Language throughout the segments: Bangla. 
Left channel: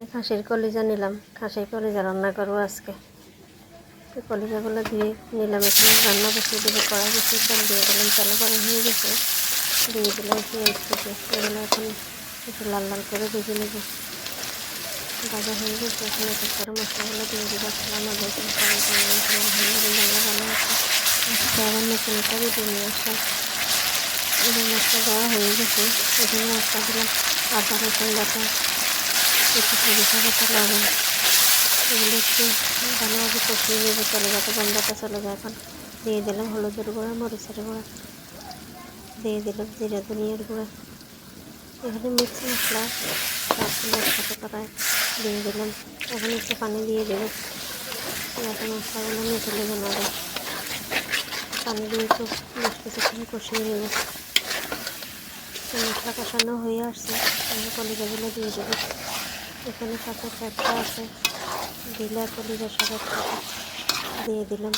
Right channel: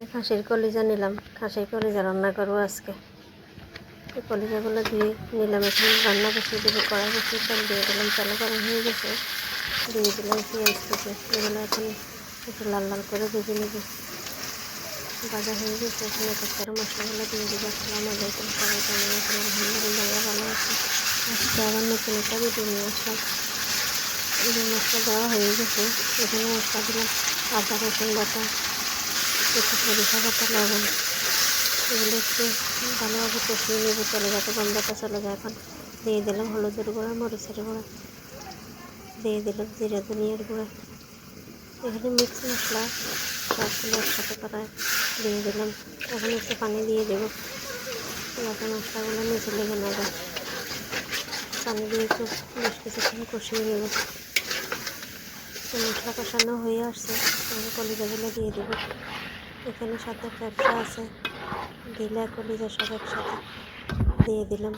খাসির কলিজা নিলাম, খাসির কলিজা রান্না করবো আজকে। এই কলিজাগুলো দিয়ে নিলাম, এখন রান্না বসিয়ে দেবো। কড়াই বসিয়ে তেল দিয়ে দিলাম, তেল গরম হয়ে গেছে, দিয়ে দিলাম পেঁয়াজ কুচি। এগুলো এখন একটু লাল লাল করে ভেজে নেব। ভাজা হয়ে গেছে, এখন এক এক করে মশলাগুলো দিয়ে দেবো। আসসালামু আলাইকুম, সবাই কেমন আছেন? আলহামদুলিল্লাহ আমরা ভালো আছি। আজকে আবার নতুন একটা ভিডিও নিয়ে আসলাম। এই মশলা দেওয়া হয়ে গেছে, এখানে মশলা দিলাম আদা রসুন বাটা, একটু সরিষা বাটা, লবণ। এগুলো একটু ভালোভাবে কষিয়ে নেব, চলে যাতে গন্ধটা চলে যায়। এখন দিয়ে দিলাম হলুদের গুঁড়া, মরিচের গুঁড়া, দিয়ে দিলাম জিরা ধনিয়ার গুঁড়া। এখানে মিক্স মশলা সবগুলো একসাথে করায় দিয়ে দিলাম। এখন একটু পানি দিয়ে দেবো যাতে মশলাগুলো নিচে লেগে না যায়। পানি দিয়ে একটু বেশ কিছুক্ষণ কষিয়ে নেব। মশলা কষানো হয়ে আসছে, আমি কলিজাগুলো দিয়ে দেবো। এখানে সাথে ফ্যাপসা আছে, দিলে কলিজার সব একসাথে দিয়ে দিলাম।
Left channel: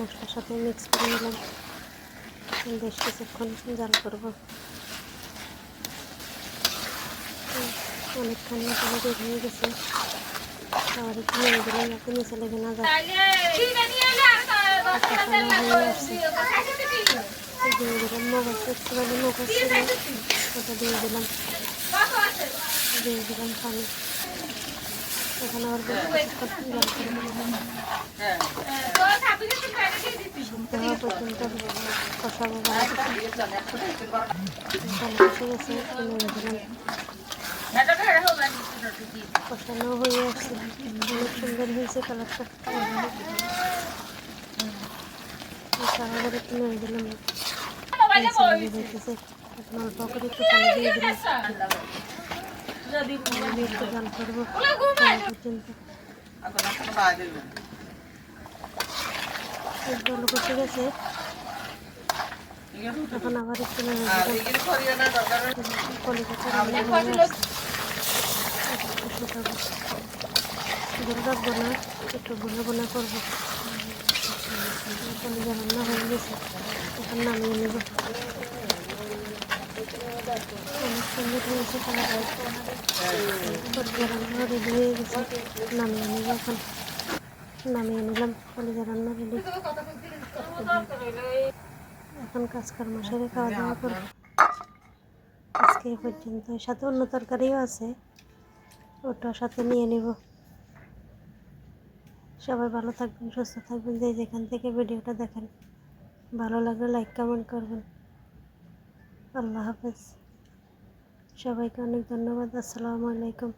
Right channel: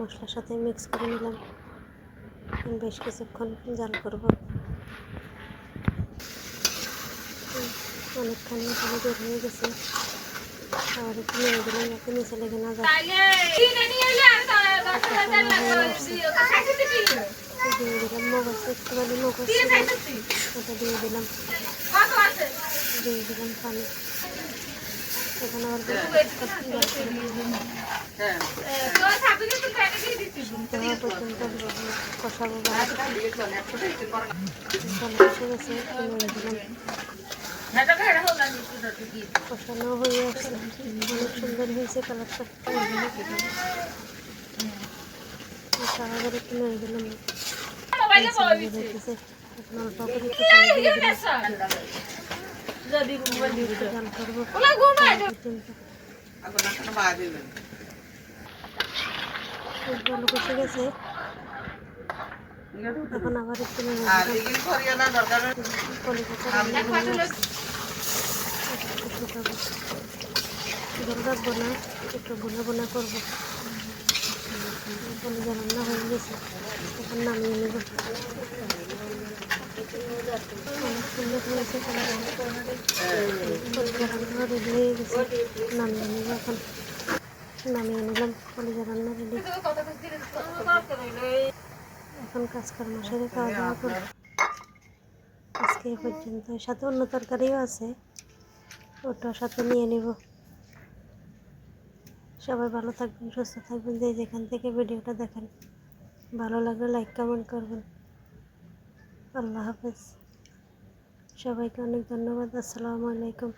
মশলার সাথে মিক্স করে নিলাম, বেশ কিছুক্ষণ জাল করব। অনেকখানি পানি বের হয়ে গেছে, আবার একটু নেড়ে দিলাম যাতে নিচে লেগে না যায়। কষানো হয়ে আসছে, দিয়ে দিলাম মগজ, একটুখানি মগজ ছিল ওটা দিয়ে দিলাম, দিয়ে দিলাম পানি। এখন আবার বেশ কিছুক্ষণ জাল করব, সিদ্ধ হওয়া পর্যন্ত কষাবো। ভালো কষে গেছে, নেড়ে দিলাম। কষানো হয়ে আসছে, অনেক সুন্দর হয়েছে কালারটা। আবার একটু নেড়ে দিলাম, এখন অল্প করে একটু পানি দিয়ে দিলাম, একটু জাল করবো পর্যন্ত। জল কষে গেছে, এখন আবার একটু নেড়ে দিলাম। কলিজাটা রান্না হয়ে আসছে, একটু শুকাবো, জল রাখবো না, একটু বোনা বোনা করবো। কলিজা রান্না হয়ে গেছে, এখন নামিয়ে নেব। অনেক সুন্দর হয়েছে কালারটা, কলিজা রান্না রেডি হয়ে গেছে, নামিয়ে নেব। এখন নামিয়ে নিলাম, কলিজা রান্না রেডি। এখন কাজকর্ম সেরে খাওয়া দাওয়া করব। আজকে এ পর্যন্ত, সাথে অন্য তরকারিও আছে, ওটা সাথে নিয়ে নেব। সবাই ভালো থাকবেন, সুস্থ থাকবেন, যে যেখান থেকে ভিডিওটা দেখেন। ভালো লাগলে লাইক কমেন্ট করবেন। আল্লাহ হাফেজ, সবাইকে অনেক ধন্যবাদ। আসসালামু আলাইকুম।